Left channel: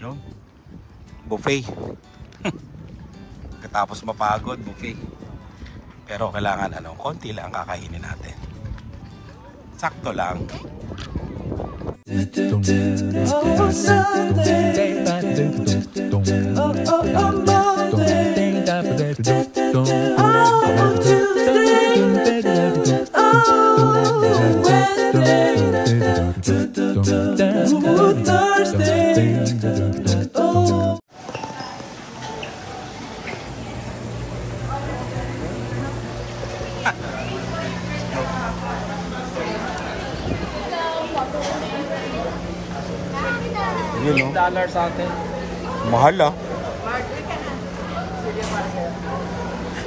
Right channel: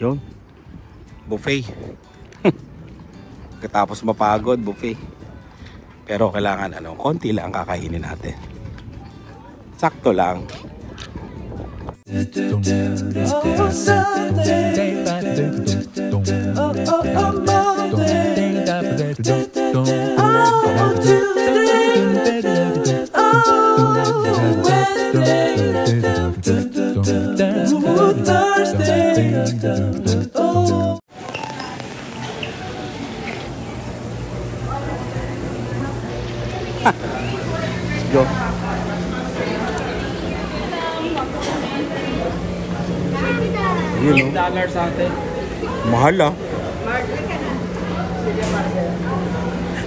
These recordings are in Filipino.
Yun. Buffet. Katapos mapagod, buffet. Pero kailangan konti lang kakainin natin. Sakto lang. Yo. Yun, no? Mahal ah.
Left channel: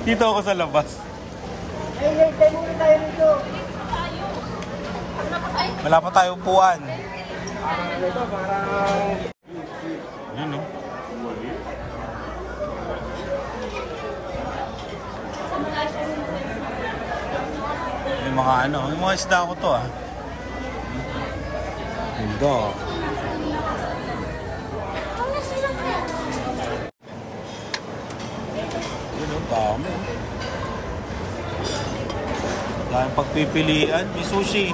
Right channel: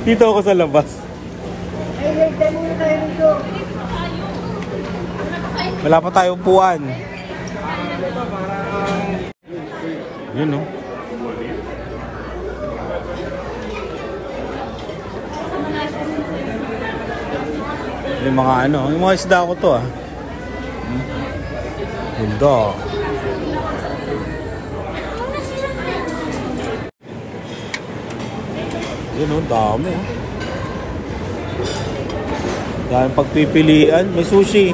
Dito ako sa labas. Wala pa tayong upuan. Yun, no? Yung mga yung mga isda ko to ah. Ganda. Yun oh, dami ah. Daming pagpipilian. May sushi.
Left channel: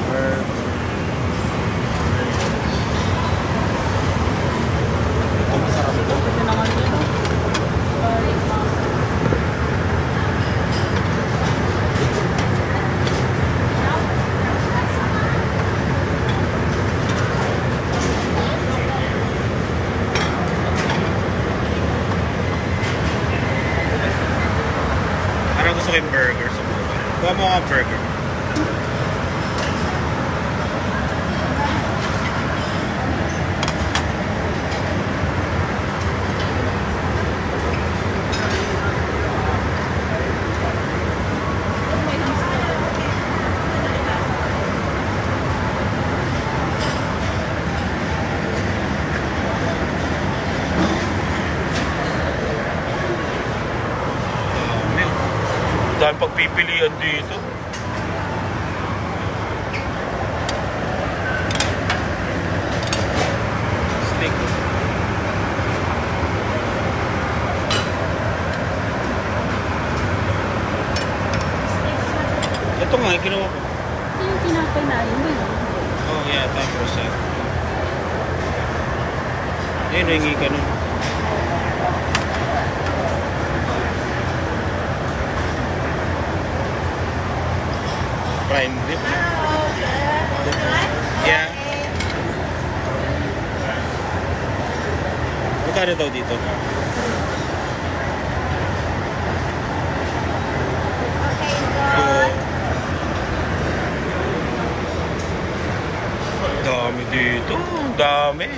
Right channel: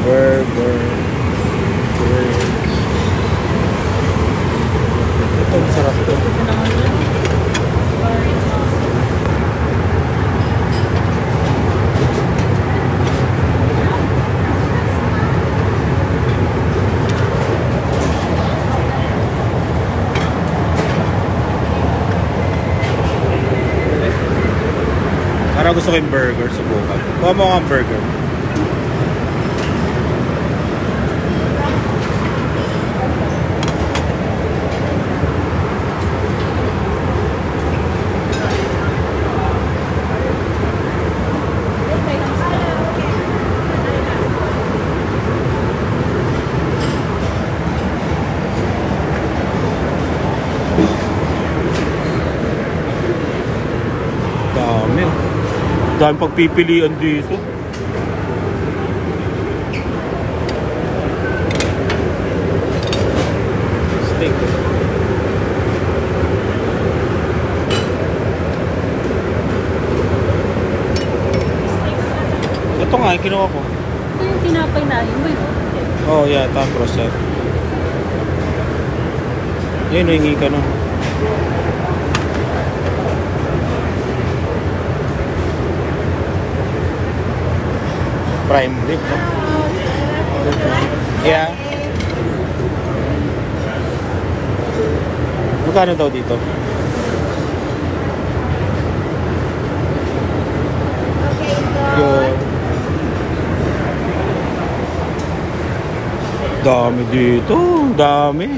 Burger. Ito, masarap ito. Parang gusto ko yung burger siguro. Kuha mo nga burger. Dahil pagpipilian dito. Steak. Ito nga, ginawa ko. Ito yung tinapay natin. Oh, yeah, tapos. Ngayon, ringi ka na. Prime rib. Yeah. Magkano daw dito? Okay, go. Dami dito. Dami.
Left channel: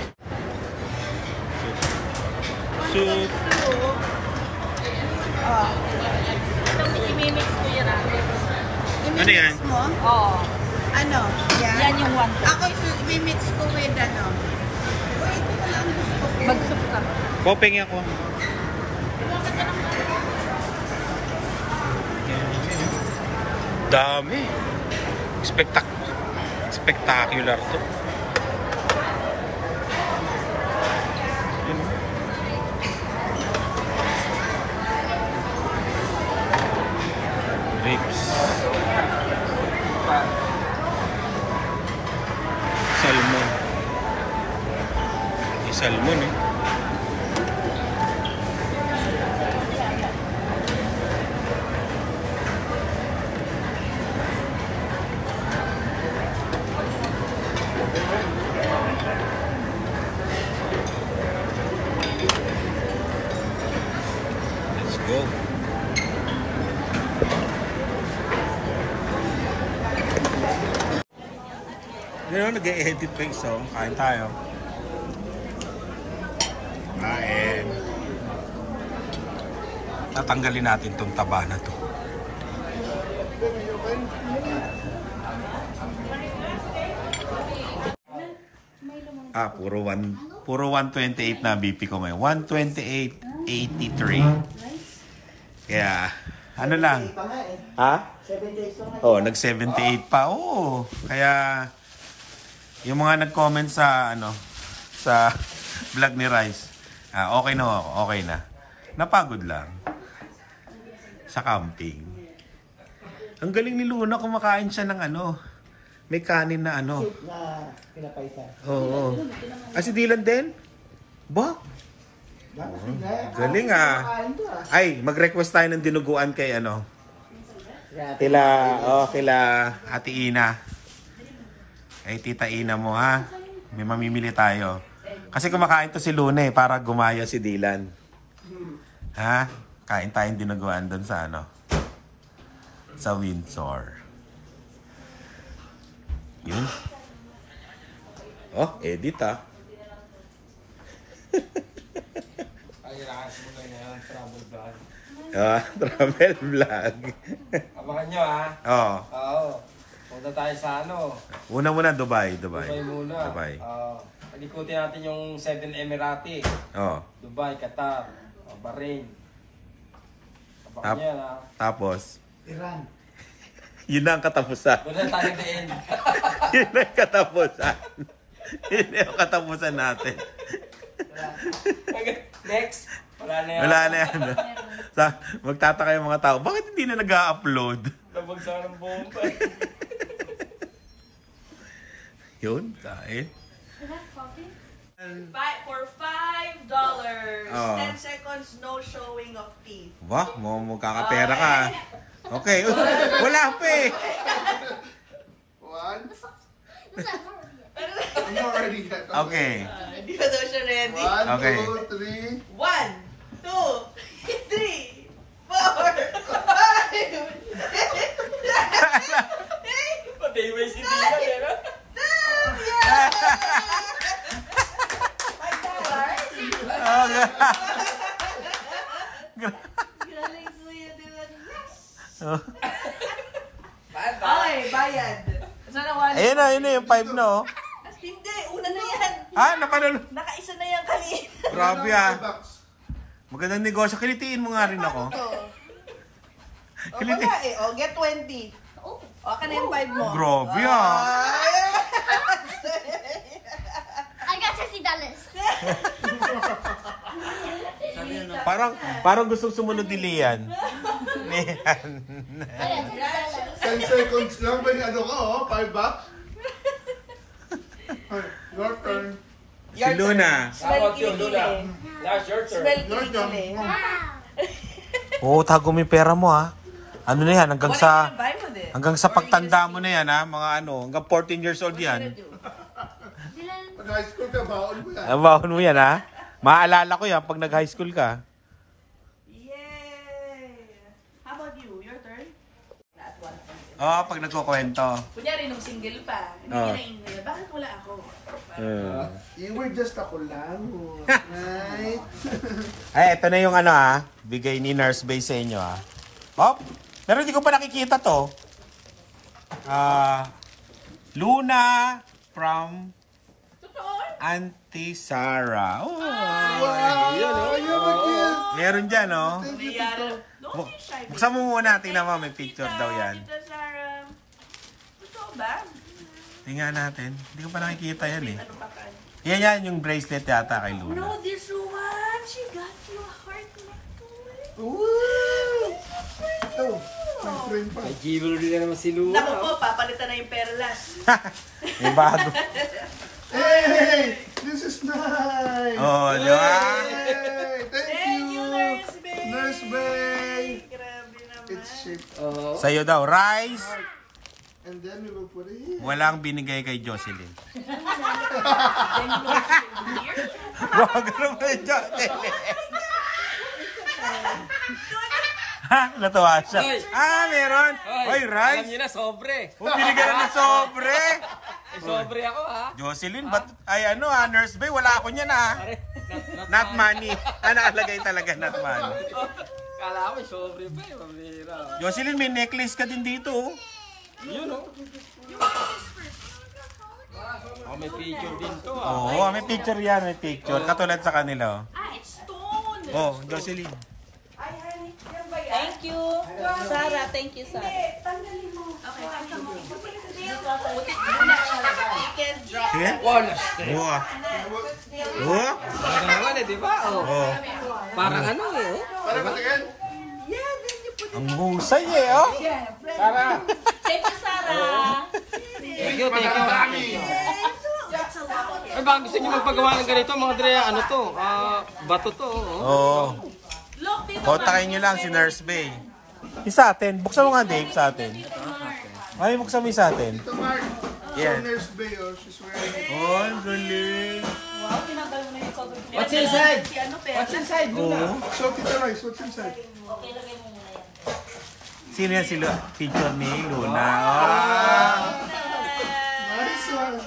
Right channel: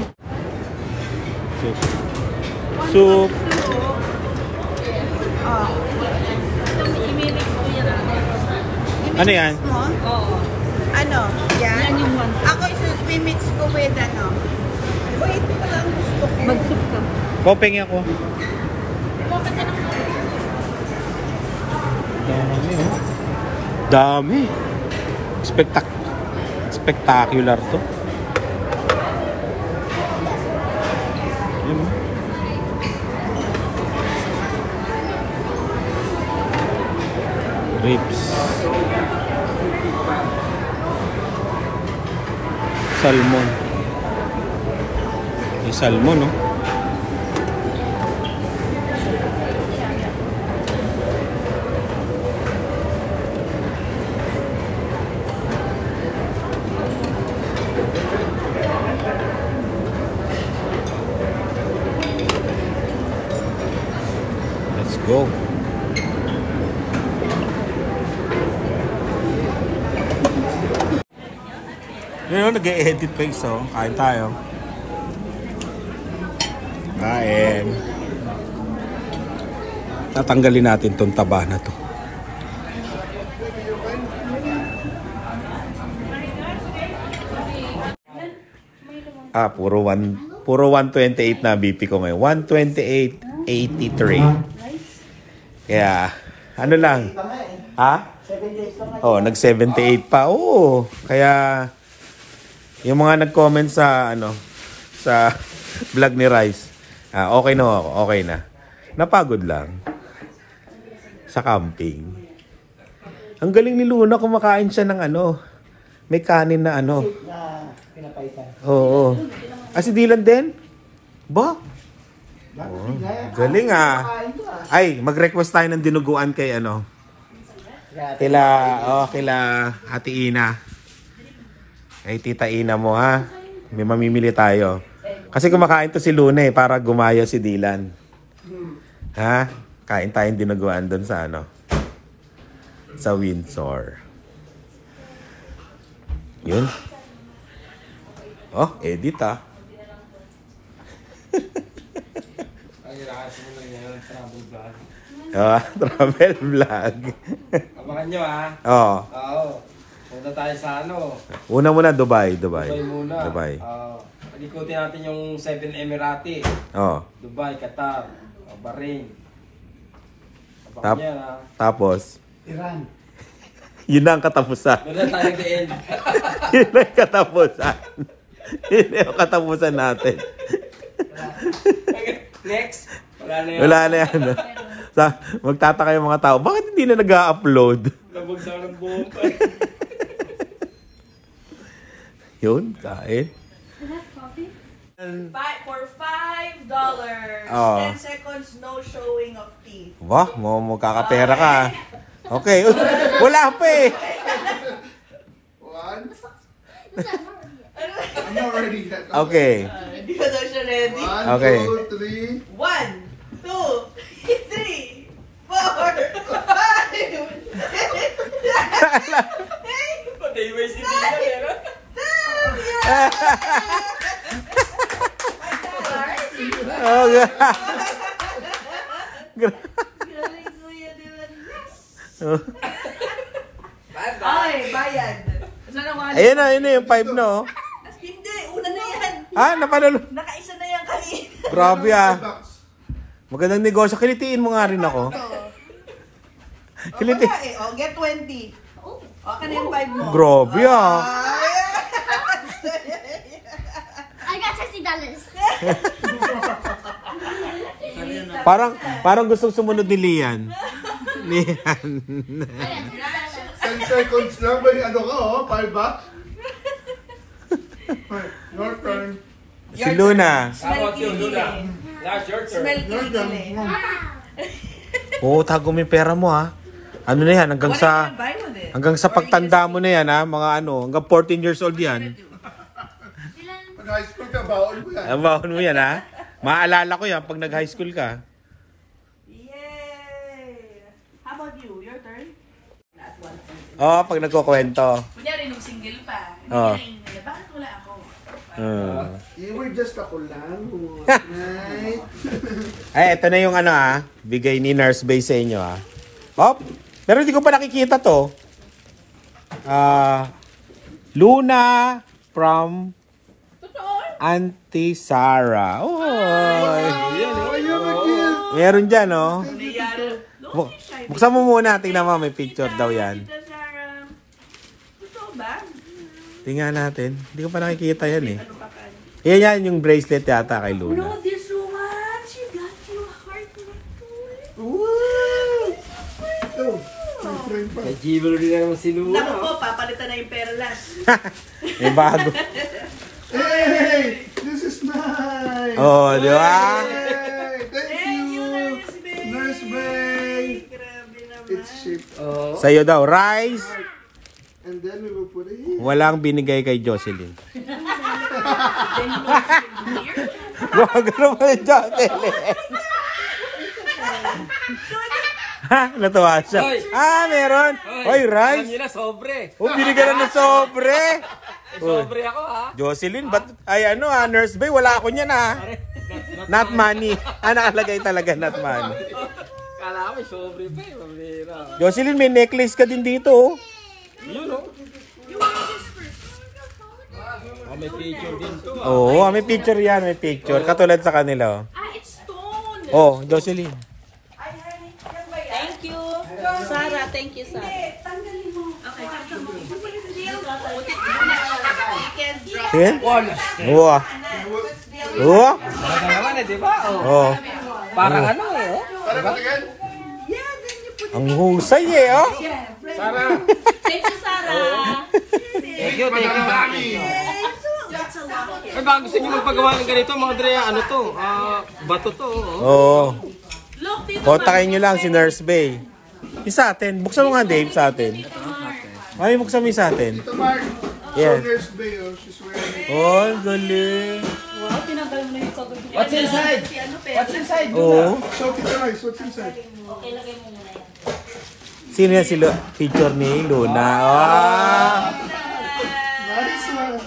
Soup. I-mix ko yun namin. Ano yan? Oo. Ano? Yan? Yan yung one. Ako i-mix ko with ano. Mag-soup ka. Kopeng ako. Dami oh. Dami. Spectacular to. Salmon. May salmon, no? Let's go. Ngayon, nag-e-edit pa isa. Kain tayo. Kain. Tatanggalin natin tong taba na to. Puro 128 na BP ko ngayon. 128.83. Kaya, ano lang? Ha? Oh, nag-78 pa. Oo. Kaya yung mga nag-comment sa sa vlog ni Rice. Okay na ako. Okay na. Napagod lang sa camping. Ang galing ni Luna, kumakain siya ng may kanin na Oo. Si Dylan din? Ba? Oh, galing Ay, mag-request tayo ng dinuguan kay kila Ate Ina. Kay Tita Ina mo May mamimili tayo. Kasi kumakain to si Luna para gumaya si Dylan. Kain tayong dinuguan doon sa sa Windsor. Yun. Edit travel vlog. Abangan nyo Oo. Punta tayo sa Una muna Dubai. Dubai muna. Dubai. Palikutin natin yung 7 Emirati. Dubai, Qatar, Bahrain. Tapos Iran. Yun na ang katapusan. Doon na tayo din. Yun na ang katapusan. Yun na ang katapusan natin. Next. Wala na yan. Magtataka yung mga tao, bakit hindi na nag-upload? Nabagsak ng buhok. Yun, kain. For $5. 10 seconds, no showing of teeth. Wah, magkakapera ka. Okay. Wala pa One. I'm not ready yet. Okay. Hindi ka daw siya ready. 1, Okay. 2, 3. 1, 2, 3, 4, 5. Pati may sinihan Ay, bayad. Ayun na yung 5 na Hindi, una na yan. Napanalo. Nakaisa na yan kanina. Grabe Magandang negosyo. Kilitiin mo nga rin ako. Kiliti. Get 20. Ka na yung 5 mo. Grabe I got $60. Parang gusto sumunod ni Lian. Lian. 10 seconds lang. May $5 Your turn. Si Luna. How about you, Luna? Last your turn. Smell kilikili. Tago mo yung pera mo Ano na yan, hanggang sa pagtanda mo na yan mga hanggang 14 years old yan. Pag high school ka, baon mo yan. Baon mo yan Maalala ko yan pag nag-high school ka. Yay! How about you? Your turn? Pag nagkukwento. Kunyari nung single pa. Hindi Oo. na ingle. Bakit wala ako? You were just ako lang. Right? Ay, ito na yung bigay ni Nurse Bay sa inyo pero hindi ko pa nakikita to. Luna from Auntie Sarah. Meron dyan Buksan mo muna, tingnan mo, may picture daw yan. Ito ba? Tingnan natin. Hindi ko pa nakikita yan Yan yung bracelet yata kay Luna. No, this one. She got you a heart necklace. Oh, my friend pa. May jewelry na naman si Luna. Naku po, papalitan na yung perlas. May bago. Hey, this is nice. Di ba? Hey, thank you. Nurse Bay. Grabe naman. It's shaped. Sa'yo daw, rice. And then we will put it here. Walang binigay kay Jocelyn. Wag naman Jocelyn. Natuwa siya. Meron. Hoy, rice. Alam niyo na, sobre. Binigyan na ng sobre. Sobre ako Jocelyn, Nurse Bay, wala ako niyan Not money. Nakalagay talaga not money. Kala ko may sobre pa Mabira. Jocelyn, may necklace ka din dito Yun may picture din to may picture yan, may picture. Katulad sa kanila It's stone. Jocelyn. Thank you. Sarah, thank you, Sarah. Okay. Sige. Wow. Wow. Talaga naman eh, di ba? Oh. Parang ano eh. Para patingin. Ang husay eh, oh. Sarah. Thank you, Sarah. Thank you, thank you. Ay, baka gusto niyo magpagawa ng ganito, mga Dre, ano to? Bato to. Oo. Look, dito. Kontakin nyo lang si Nurse Bay. Yung sa atin. Buksan mo nga, Dave, sa atin. Ay, buksan mo yung sa atin. Ito, Mark. Yeah. So, Nurse Bay, oh. She's wearing... Oh, galing. Wow, tinagal mo na yung pagod. What's inside? What's inside? Oo. So, Tita Rice, what's inside? Okay, lagay mo muna yan. Sino yan si picture ni Luna? Ah. Nice one.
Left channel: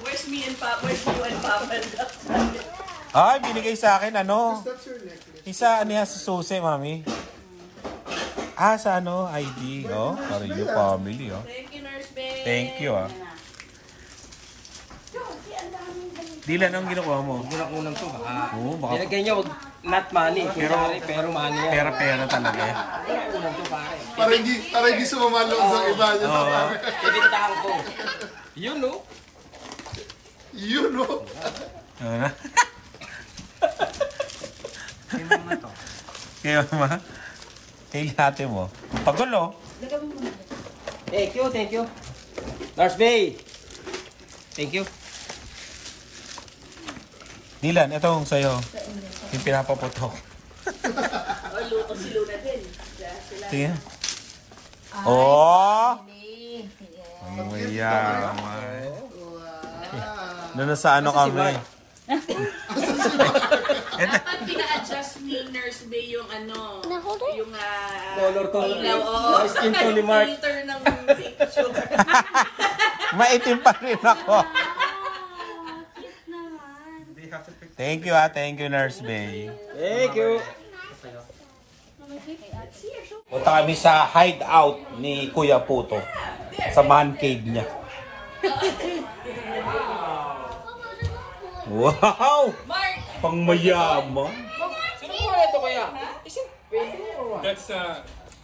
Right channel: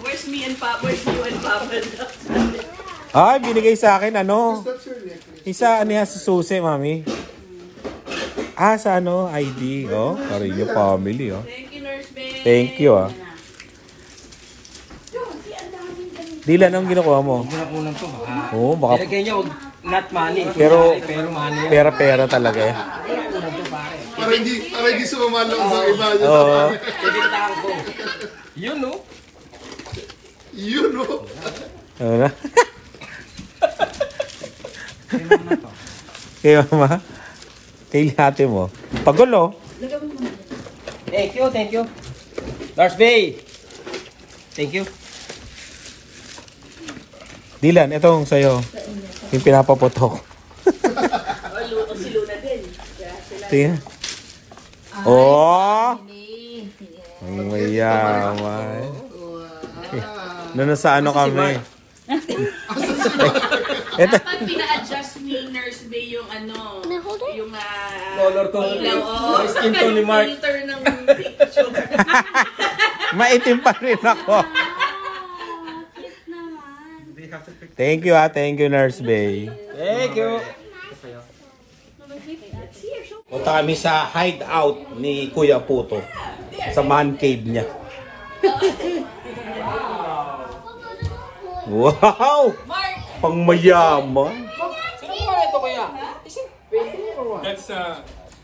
Where's me and Papa? Where's you and Papa? Ay, binigay sa akin, ano? That's your necklace. Isa, ano yan, sa susi, mami. Ah, sa ano, ID. Oh, para yung family, oh. Thank you, Nurse Bay. Thank you, ah. Dilan, anong ginakuha mo? Kulang to, baka. Oo, baka Ilagay niya, wag not money. Pero- Pero money yan. pera-pera talaga eh. Kulang to, pare. Para hindi sumamalo sa iba. Oo. Ibintahan ko. Yun, no? Yun, oh. Ano na? Kay mama? Kay ate mo? Pagulo. Thank you, thank you. Lars Bay. Thank you. Dilan, itong sa'yo. Yung pinapaputok. Tingnan. Oh! Ang mayaman. Sa ano kami? Ito. Dapat pina-adjust ni Nurse Bay yung ano, yung Color to. ilaw. Oo, Skin tone ni Mark. filter ng picture. Maitim pa rin ako. Thank you, thank you, Nurse Bay. Thank you. Punta kami sa hideout ni Kuya Puto. Sa man cave niya. Wow! Pang mayaman. Sino mo ito, kuya? That's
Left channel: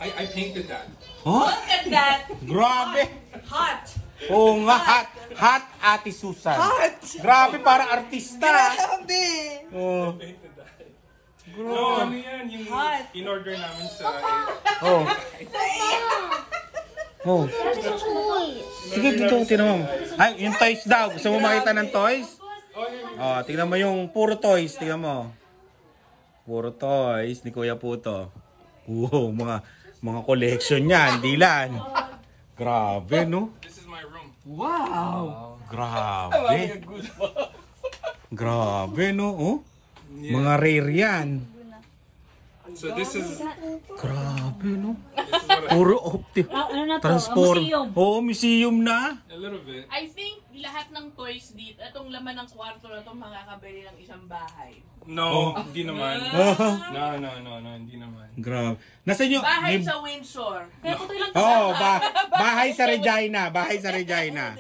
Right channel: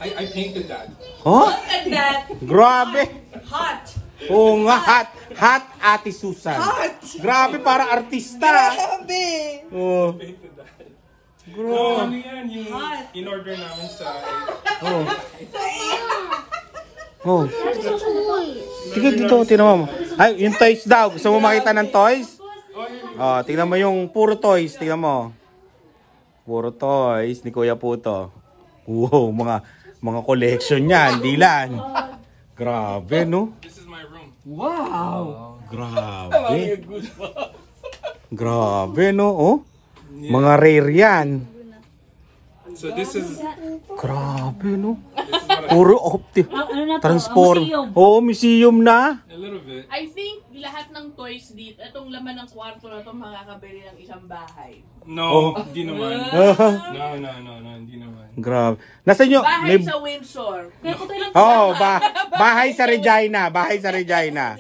I painted that. Huh? Look at that. Grabe. Hot. Oo nga, hot. Hot Ate Susan. Grabe, para artista. Oh. Painted that. Grabe. No, ano yan, yung in order namin sa Oh. Oh. Sige, dito, tinan mo. Ay, yung toys daw. Gusto mo makita ng toys? Oh, tingnan mo yung puro toys. Tingnan mo. Puro toys ni Kuya Puto. Wow, mga collection yan. Dilan. Grabe, no? this is my room. Wow. Grabe. Grabe, no? Oh? Mga rare yan. So this is Grabe, no? this is what I, Puro opti. Transform. Oh, museum na. a little bit. I think lahat ng toys dito, itong laman ng kwarto na ito makakabili ng isang bahay. No, hindi naman. No, hindi naman. Grabe. Nasaan nyo? Bahay sa Windsor. Oh, bahay sa Regina. Bahay sa Regina.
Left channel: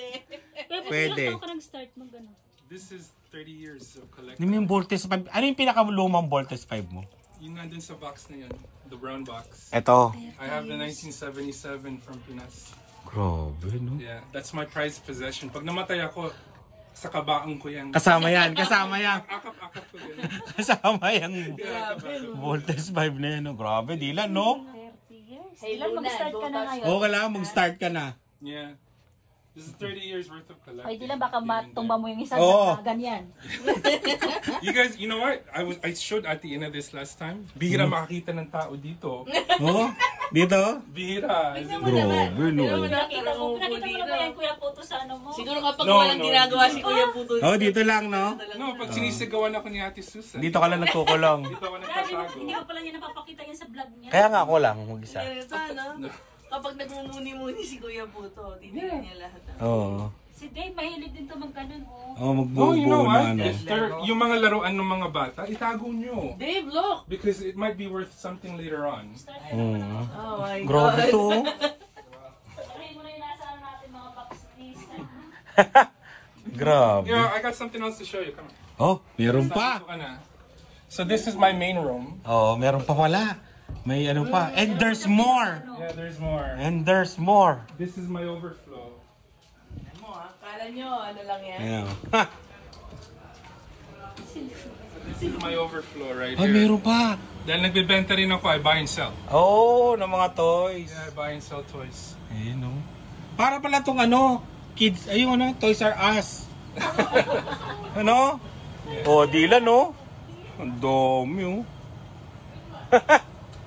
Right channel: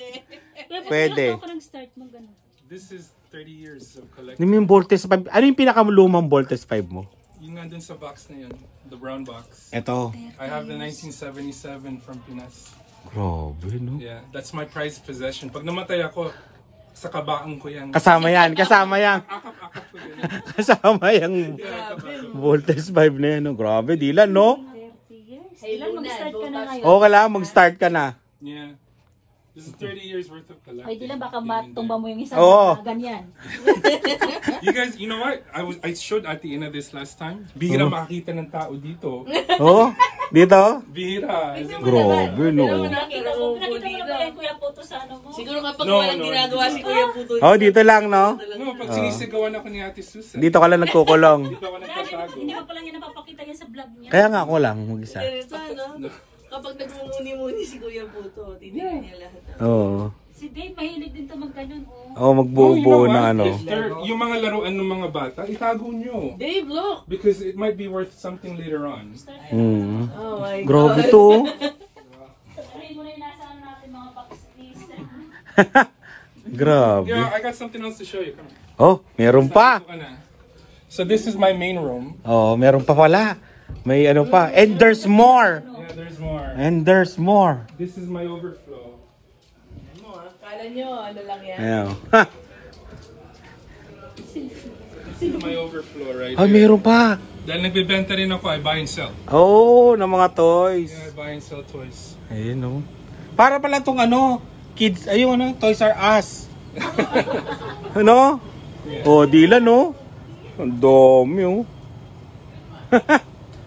Pwede. This is 30 years of collecting. Yung Voltes 5. Ano yung pinakamulumang Voltes 5 mo? Yung nandun sa box na yun, the brown box. Eto. I have the 1977 from Pinas. Grabe, no? Yeah, that's my prized possession. Pag namatay ako, sa kabaong ko yan. Kasama yan. Kasama yan. Akap-akap ko yan. Kasama yung Voltes 5 na yan. No? Grabe, Dilan, no? Kailan mag-start ka na ngayon? Oo, kailangan mag-start ka na. Yeah. This is 30 years worth of collecting. Ay, di lang baka matumba mo yung isang Oo. ganyan. You guys, you know what? I showed at the end of this last time. Bihira makakita ng tao dito. Oh, dito? Bihira. Grabe, no? Nakita mo ba yung Kuya Puto sa ano mo? Siguro kapag No, walang no, ginagawa si Kuya Puto. Oh, dito lang, no? No, pag sinisigawan ako ni Ate Susan, Dito ka lang nagkukulong. dito ako nagtatago. Hindi ko pala yan napapakita yan sa vlog niya. Kaya nga ako lang. Isa. Kapag nagmumuni-muni si Kuya Puto, titignan niya lahat. Oo. Si Dave, mahilig din ito magkanon, oh. Oh, No, magbubuo you know na what? ano. If yung mga laruan ng mga bata, itago nyo. Dave, look! Because it might be worth something later on. Hmm. Oh my Grabe to. Ay, mo na yung nasa ano natin mga box ni Grabe. Yeah, I got something else to show you. Come on. Oh, meron pa. So this is my main room. Oh, meron pa pala. May ano pa. And there's more. Yeah, there's more. And there's more. This is my overflow. Kala nyo, ano lang yan? Ayan. This is my overflow right Ah, here. meron pa. Dahil nagbebenta rin ako, I buy and sell. Oo, ng mga toys. Yeah, I buy and sell toys. Ayun, no. Para pala tong ano, kids, ayun, ano, Toys R Us. Ano? Oh, dila, no? Ang dami, oh.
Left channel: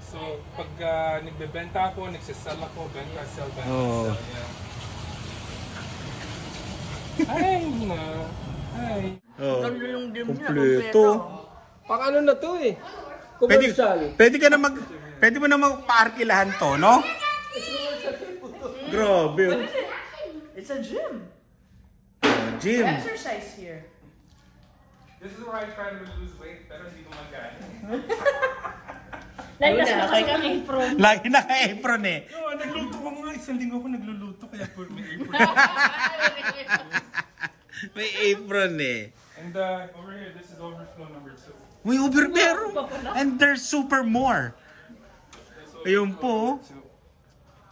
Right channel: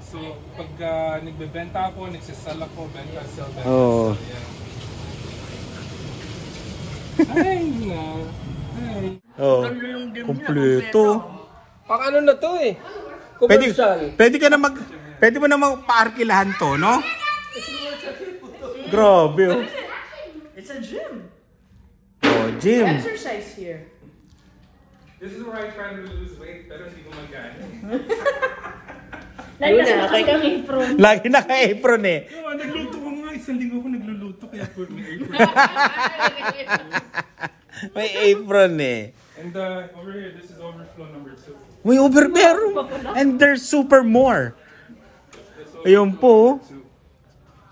So, pag nagbebenta ako, nagsisell ako, benta, sell, benta, Oh. sell. Yeah. Hi, no. Hi. Oh. Kompleto. Pang ano na to eh. Pwede, Commercial. pwede mo namang paarkilahan to, no? Grabe, oh. It's a gym. Oh, gym. Exercise here. This is where I try to lose weight, pero hindi ko magana. Lagi kasi nakasama apron. Lagi naka-apron eh. No, nagluto ko nga. Isang linggo ko nagluluto, kaya for me apron. May apron eh. And over here, this is overflow number 2. May meron. And there's super more. Ayun po.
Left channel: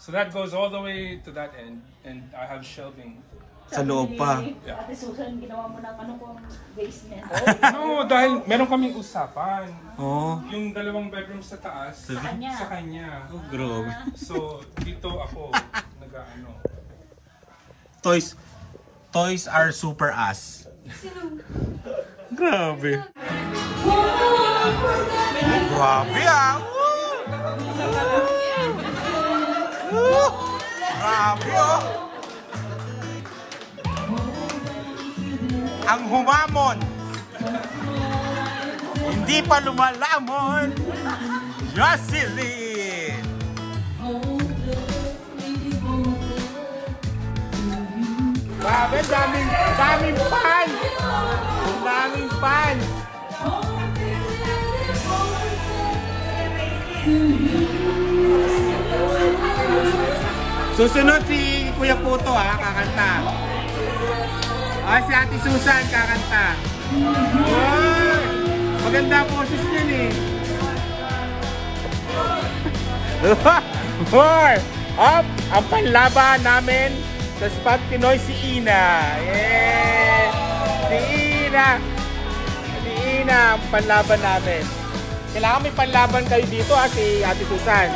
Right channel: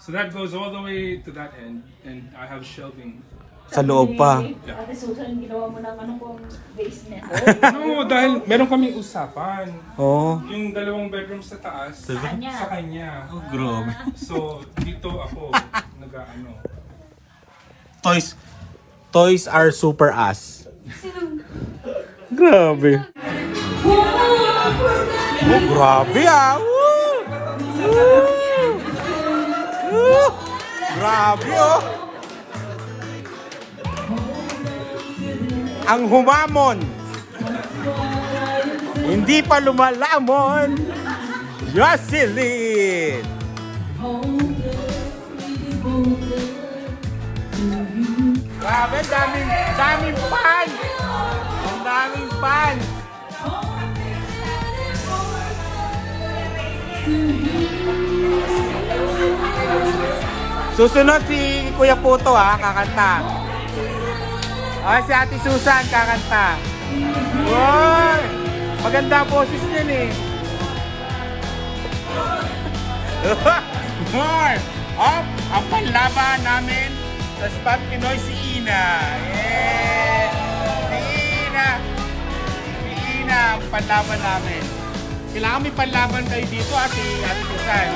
So that goes all the way to that end, and I have shelving. Sa loob pa. Ate Susan, ginawa mo ng ano kung base niya. No, dahil meron kaming usapan. Oh. Yung 2 bedroom sa taas, sa kanya. Oh, grabe. So, dito ako, nag-ano. Toys are super us. Grabe. Oh, grabe ah. Woo! Woo! Grabe oh. Ang humamon. Hindi pa lumalamon. Jocelyn. Susunod si Kuya Puto ha, kakanta. Si Ate Susan kakanta. Wow! Maganda boses niyan eh. More! Up! Ang panlaban namin sa Spot Pinoy si Ina. Yeah! Si Ina! Si Ina ang panlaban namin. Kailangan may panlaban kayo dito si Ate Susan.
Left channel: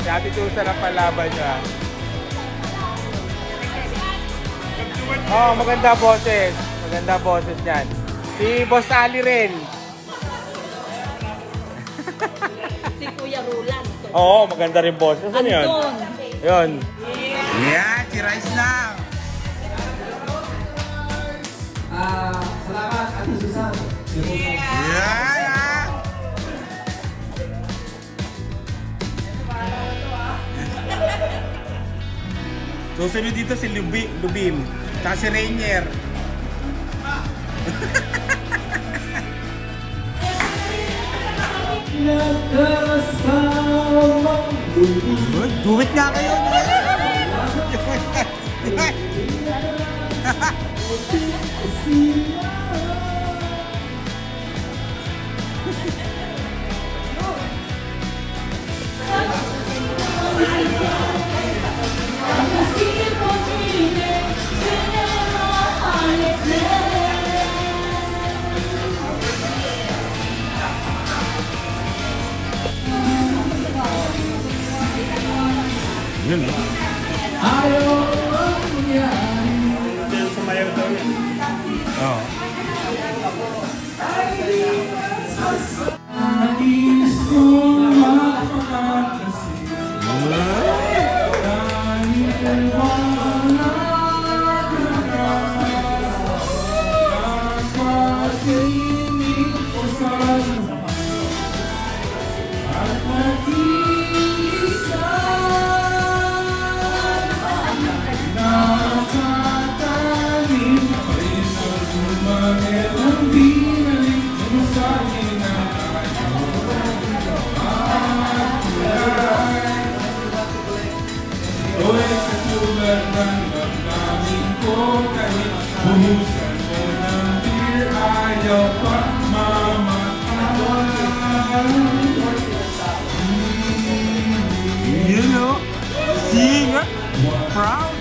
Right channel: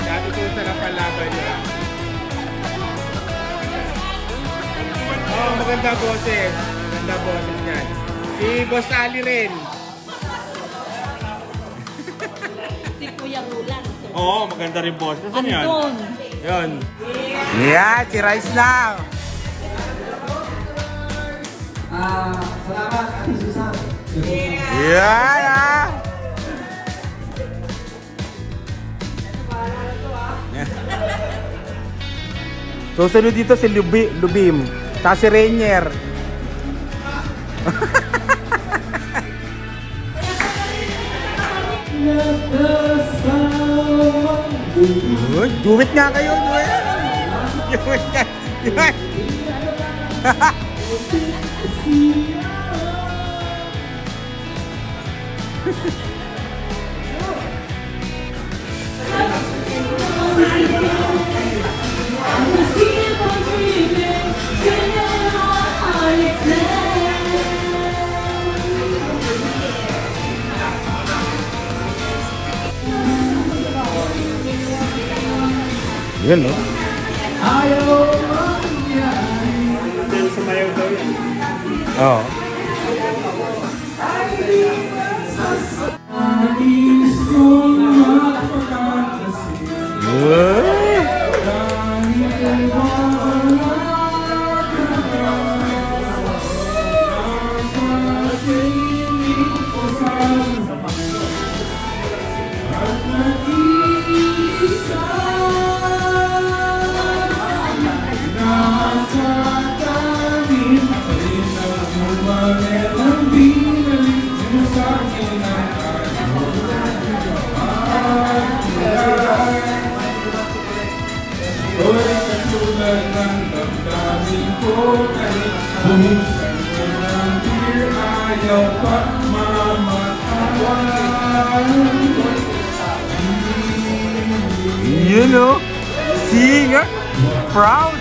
Si Ate Susan ang panlaban niya. Oh, maganda boses. Maganda boses yan. Si Boss Ali rin. Si Kuya Roland. Oo, maganda rin boses. Saan yun? Yun. Yeah, si Rice lang. Salamat, Ate Susan. Yeah! Susunod dito si Lubim. Tapos si Rainier. Do it nga kayo. Do it nga. Yun, no? Sumayaw daw yan. Oo. You know, seeing her proud.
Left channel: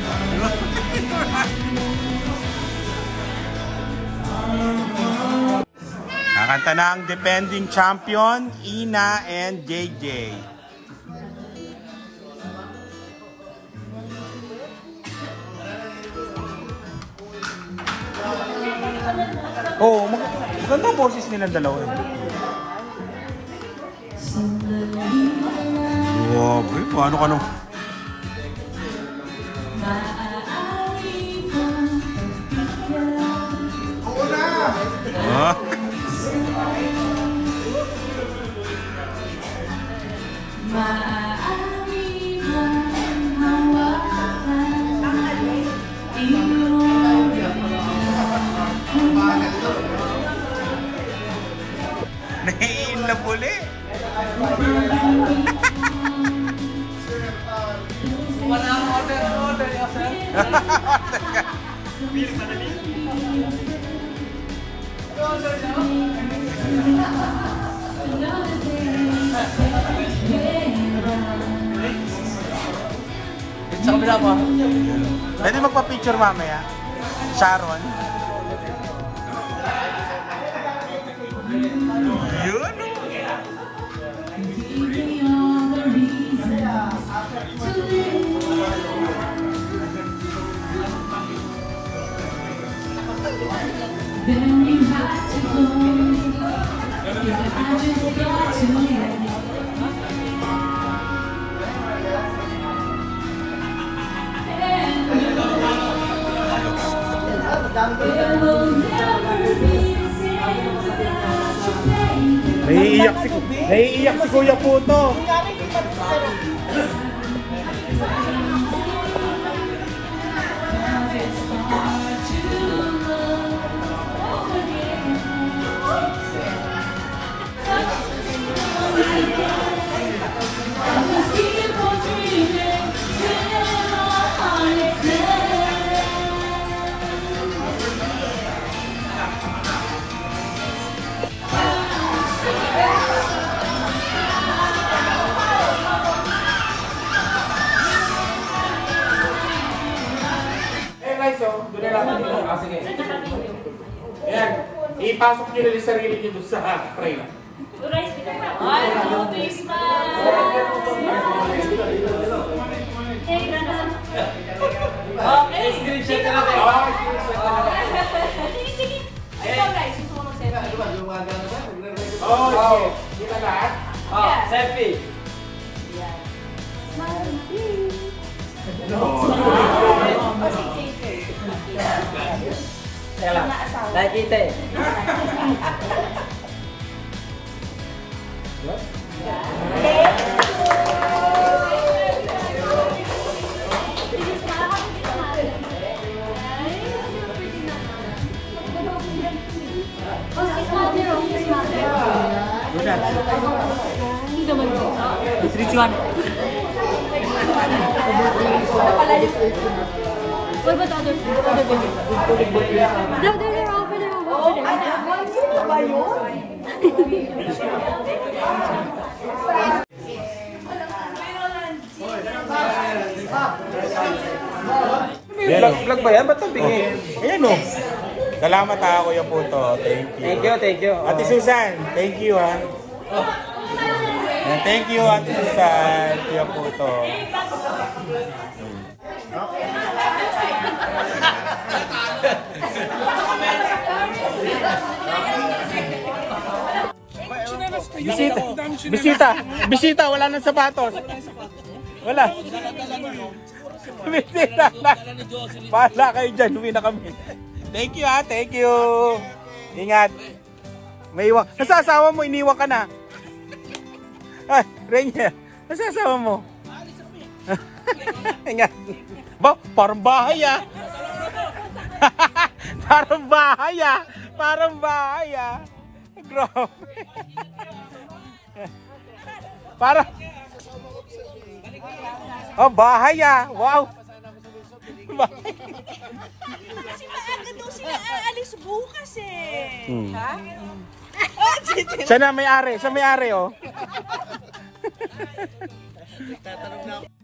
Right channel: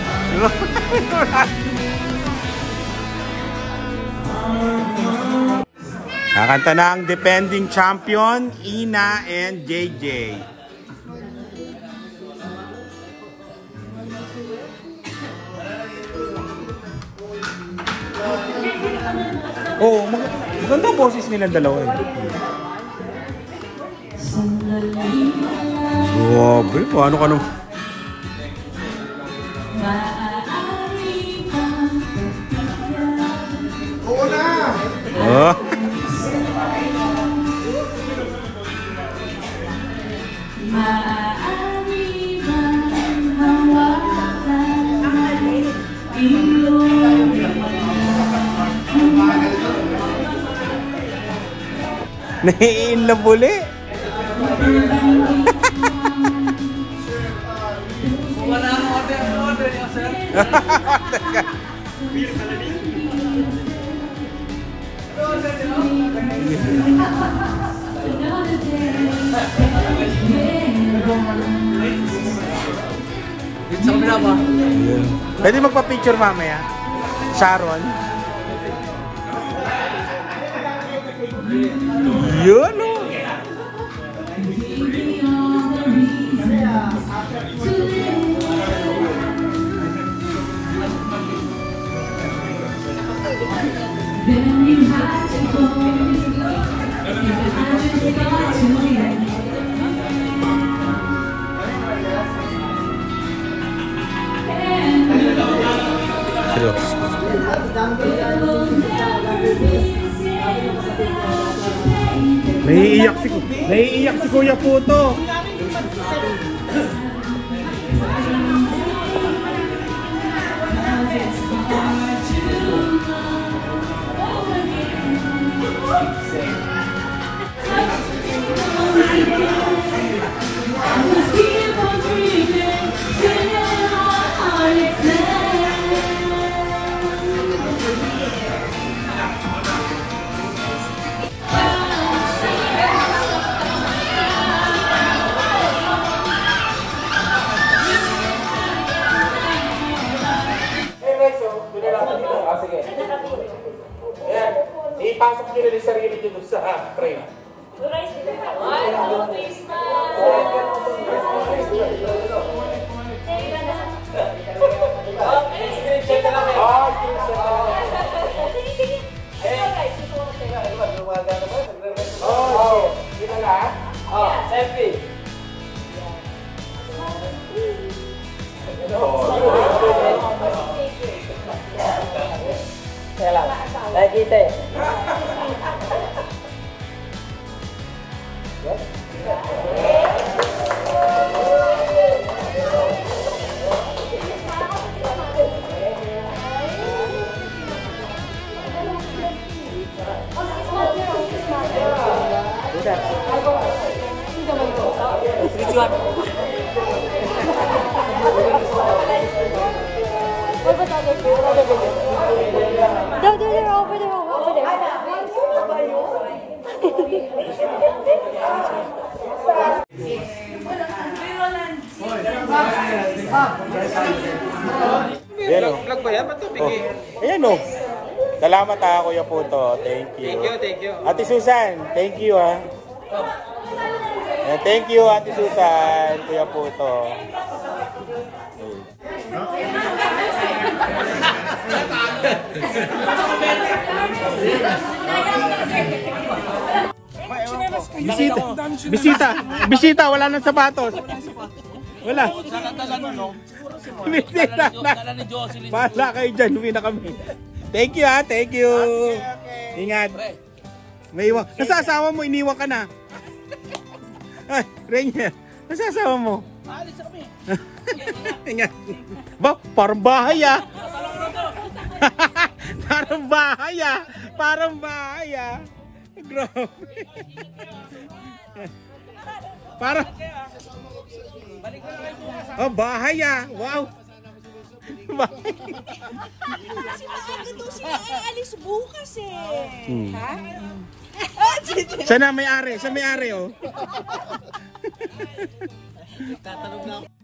Kakanta na ang defending champion, Ina and JJ. Oh, maganda ang boses nila dalawa eh. Grabe, paano ka nung... Oo na! Ah. Naiin na buli. Wala akong order niya, sir. Isang bilang mo. Pwede magpa-picture mamaya. Sharon. Yun o. Naiiyak si Kuya Puto. Sige. Ayan, ipasok nyo na yung sarili nyo doon sa frame. Hello, Christmas! Okay, screenshot na lang. Ah, screenshot na lang. Sige. Ikaw guys, gusto ko mag-selfie. Oh, sige na lahat. Selfie. Nakita eh. What about other videos? They're over there. Vlog ba yan? Ba't ito bingi? Ayan o. Salamat ha, Kuya Puto. Thank you. Thank you, thank you. Ate Susan, thank you ha. Thank you, Ate Susan. Kuya Puto. Bisita, wala nang sapatos. Wala. Bisita na. Bahala kayo dyan, uwi na kami. Thank you ha, thank you. Ingat. May iwan. Nasa asawa mo, iniwan ka na. Ay, Renya, nasa asawa mo? Ingat. Ba, parang bahay ah. Parang bahay ah. Parang bahay ah. Grabe. Parang... Oh, bahay ah. Wow. Bahay. Kasi maaga daw sila aalis bukas eh. Sana may-ari. Sa may-ari oh. Tatanong na.